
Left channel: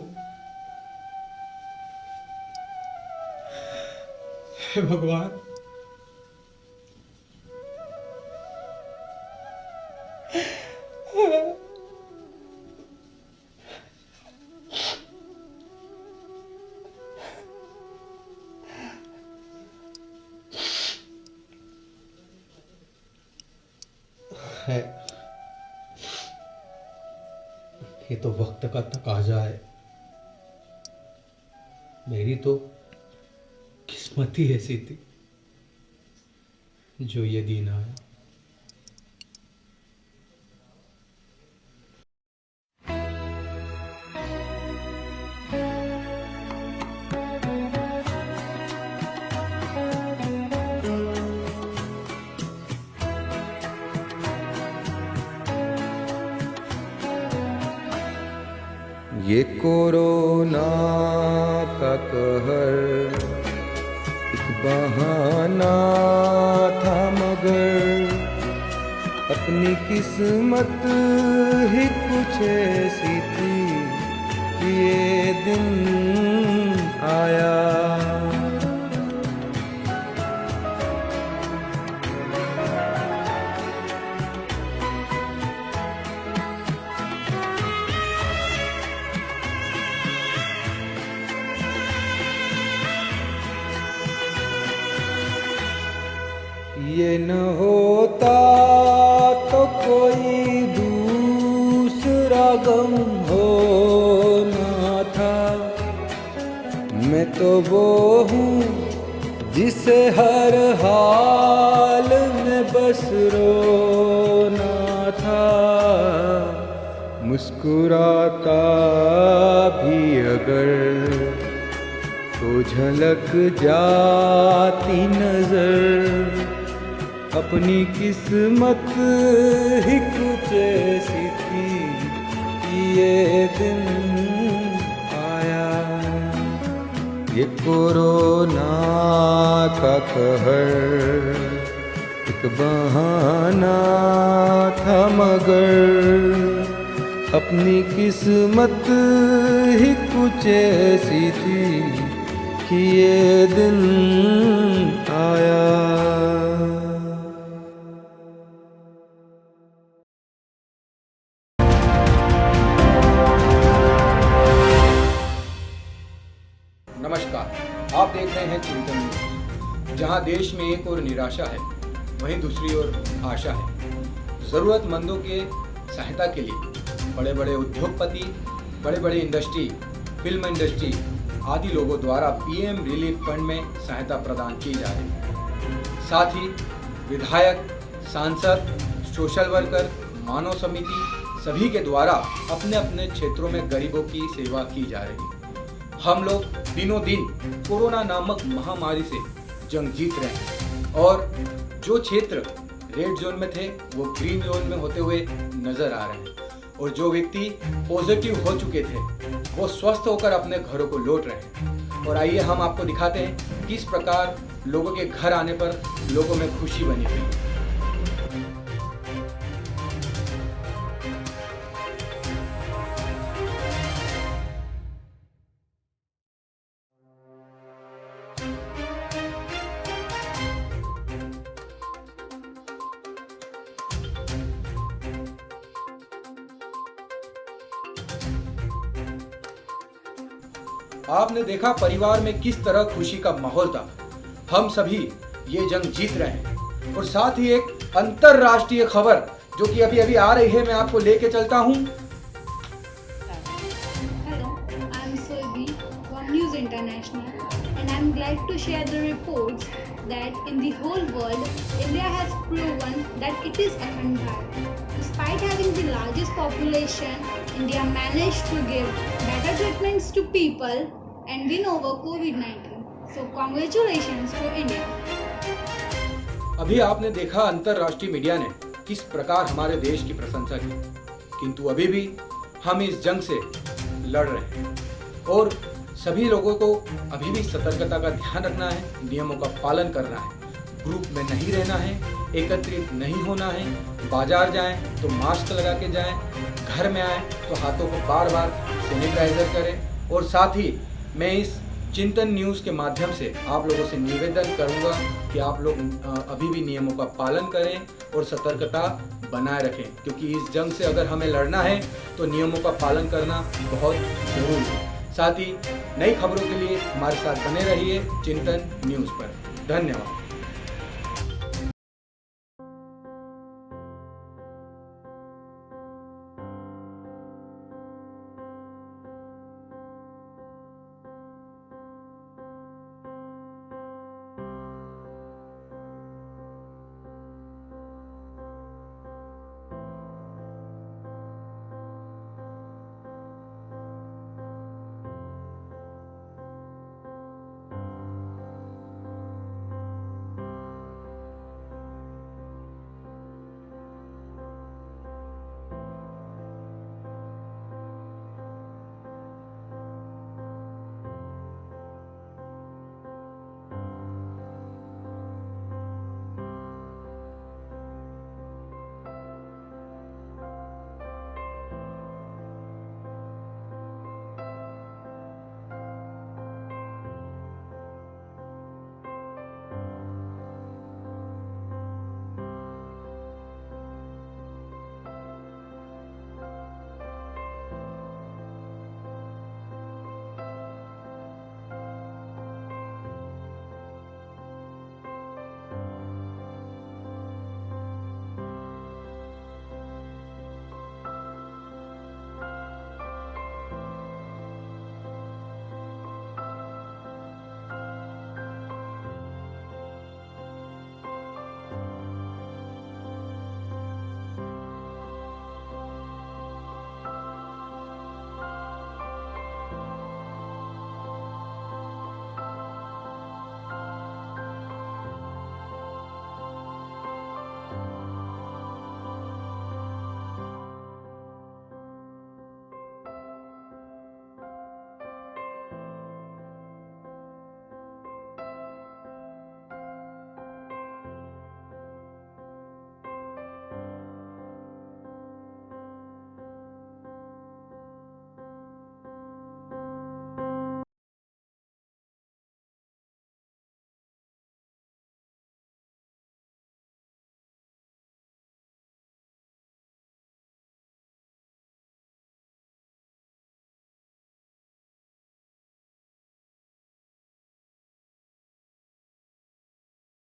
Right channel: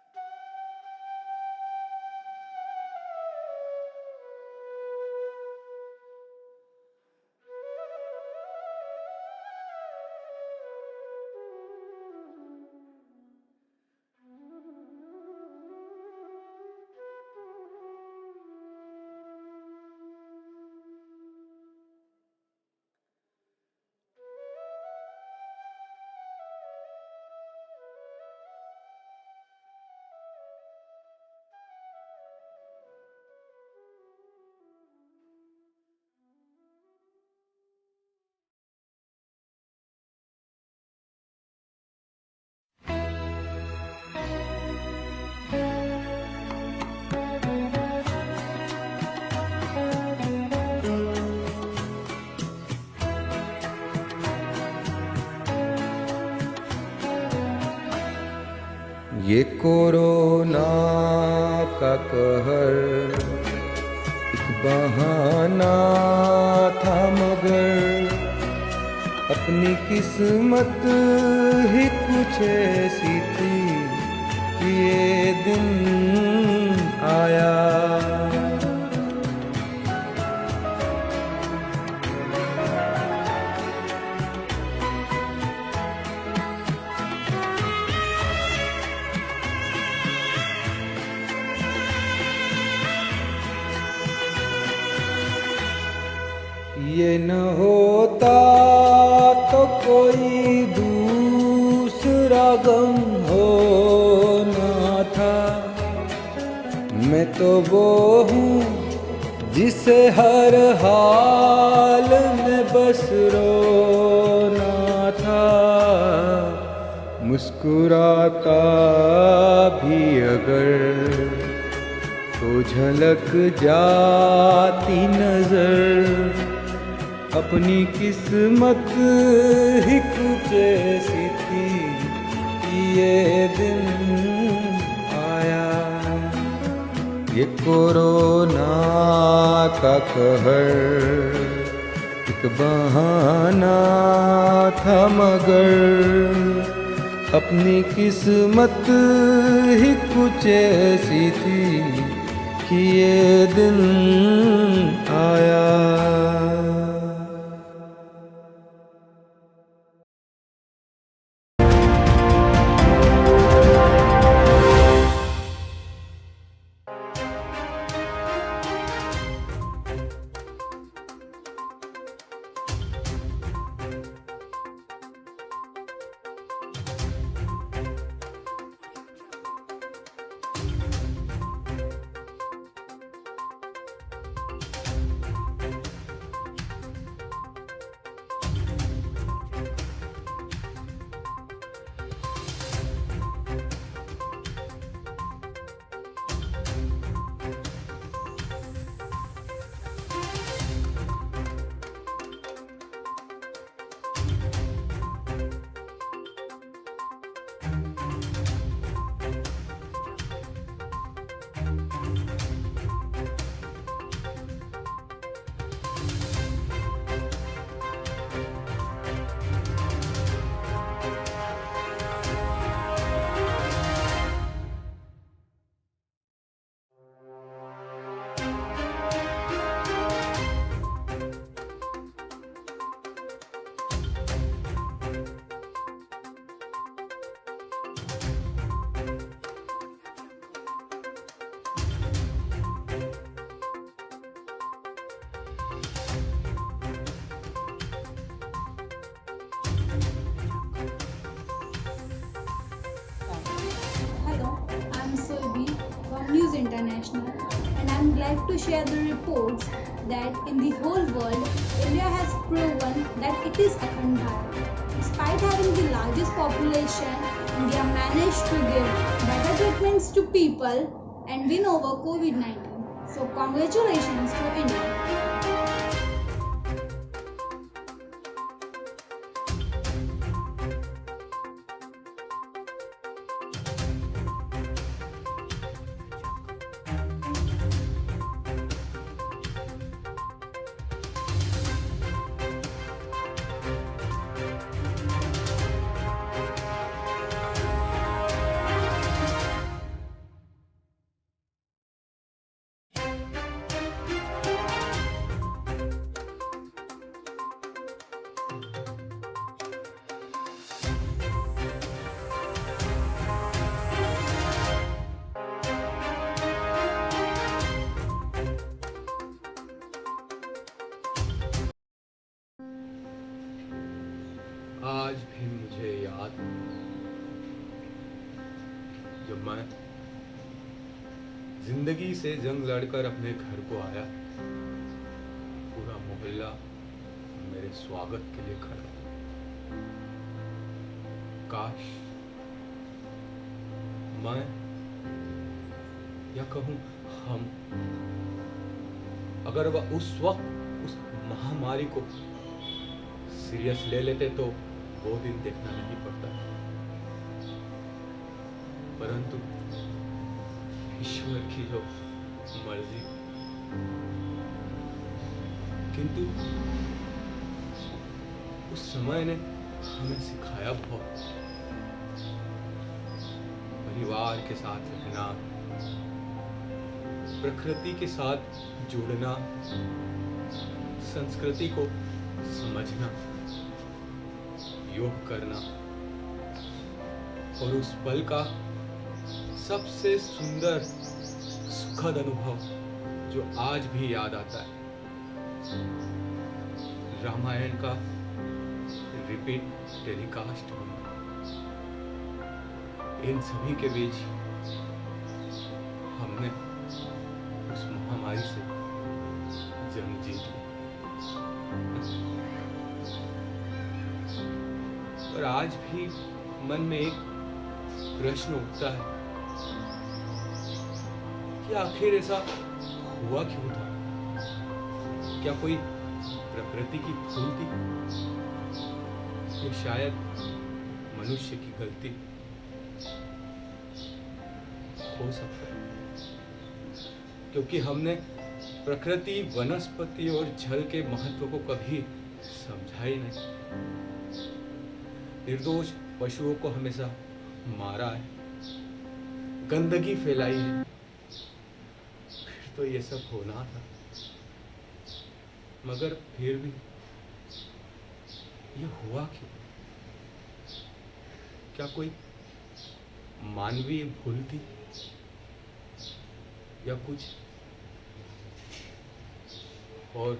हे भगवान, है ये तो वक्त का तकाजा है। मेरी तो किस्मत ही ऐसी थी जो ये दिन आया। ये कोरोना का कहर एक बहाना था, मगर अपनी किस्मत ही कुछ ऐसी थी कि ये दिन आया। ये न होता तो कोई दूसरा गम होना था। तो वो हूँ जिसे हर हाल में बस रोना था, मुस्कुराता भी अगर तो झलक जाती नजर, अपनी किस्मत ही कुछ ऐसी थी कि ये दिन आया। ये कोरोना का कहर एक बहाना था, मगर अपनी किस्मत ही कुछ ऐसी थी कि ये दिन आया। आप देख रहे हैं चिंतन न्यूज़, जहां देश में एक ओर निराशा है, वहीं दूसरी ओर आशा है। जरूरतमंदों के सहायता के लिए बड़े बड़े उद्योगपति, बड़े बड़े इंडस्ट्री, फिल्म इंडस्ट्री आदि लोगों द्वारा पीएम रिलीफ फंड में सहायता प्रदान की जा रही है। साथ ही विधायक, सांसद, सोशल वर्कर, मानव समिति सभी के द्वारा अपने अपने क्षेत्रों में गरीबों की सेवा की जा रही है। हम लोग दिनों दिन कोरोना नामक महामारी से जंग जीत रहे हैं और जो क्षेत्र रेड जोन में थे वो ग्रीन जोन में होते हुए नजर आ रहे हैं, और जो व्यक्ति पॉजिटिव हो चुके थे वो स्वस्थ होकर अपने घरों को लौट रहे हैं। और आइए हम आपको दिखाते हैं किस प्रकार लोगों के घर आने पर लोगों में खुशी बनी हुई है। आपने देखा परिवार में किस तरह खुशी का माहौल था। हम सभी ये जंग जीत रहे हैं। और साथ ही एक अंतरराष्ट्रीय खबर जो कि अभी अभी आ रही है, मैं आपको लेके चलता हूँ। Hello, I'm Sulbi from News International and I'm glad to share the reports that in the whole world, India has proven that it is Akhand Bharat. Despite having the largest population, India managed to give better treatments to people and win over COVID-19. So congratulations to India. अभी आपने देखा अंतरराष्ट्रीय media ने किस प्रकार हमारे देश की प्रशंसा की, किंतु अभी भी हम इस जंग से लड़ रहे हैं और सभी लोगों को अभी भी सतर्कता का ध्यान रखना है, नियमों का पालन करना है, ग्रुप में नहीं रहना है, एकत्रित नहीं होना है, बाजार जाएं तो मास्क लगा के जाएं, घर में आएं तो हाथों को बार बार सैनिटाइजर करें। और साथ ही मैं इस चिंतन न्यूज़ के माध्यम से आप लोगों से निवेदन करूंगा कि आप लोग अभी भी नियमों का पालन करें और सतर्कता बनाए रखें, क्योंकि इस जंग से अगर हमें लड़ना है तो नियमों का पालन करना बहुत जरूरी है। साथ ही नई खबरों के लिए हमारे साथ बने रहिए चिंतन न्यूज़ पर। धन्यवाद। आज भी मुझे याद जब मैं जिंदगी से जंग लड़कर अपने घर को आया, पूरा मोहल्ला मेरे स्वागत के लिए खड़ा। काश मैं या कहूं हम अगर वह उस वक्त उस महामारी को सीरियस ले लेते तो वो दिन देखना नहीं पड़ता, परंतु ईश्वर की जो मर्जी। किंतु उस समय ने हमें सिखाया बहुत, परिवार के साथ रहना, प्रकृति के साथ जुड़ना, संस्कृति को समझना, योग करना, और उस पल का सबसे सुंदर सुखद अनुभव जो आज भी याद आता है, रामायण का रिपीट टेलीकास्ट होना। इन सभी के बीच हमने आज भी मन में एक प्रश्न उठता है कि आखिर ऐसा हुआ क्यों था? क्या कोई प्रकृति की भूल थी या शायद मनुष्य की गलती? हो सकता है, क्योंकि हमने प्रकृति, वनस्पति और जल के महत्व को कभी समझा ही नहीं। निर्दोष पशुओं को हमेशा मारा है, गंदगी फैलाई है। फिर तो ये सब होना था, मगर फिर भी ये हुआ क्यों? क्या कोई मानवीय भूल थी या कुछ और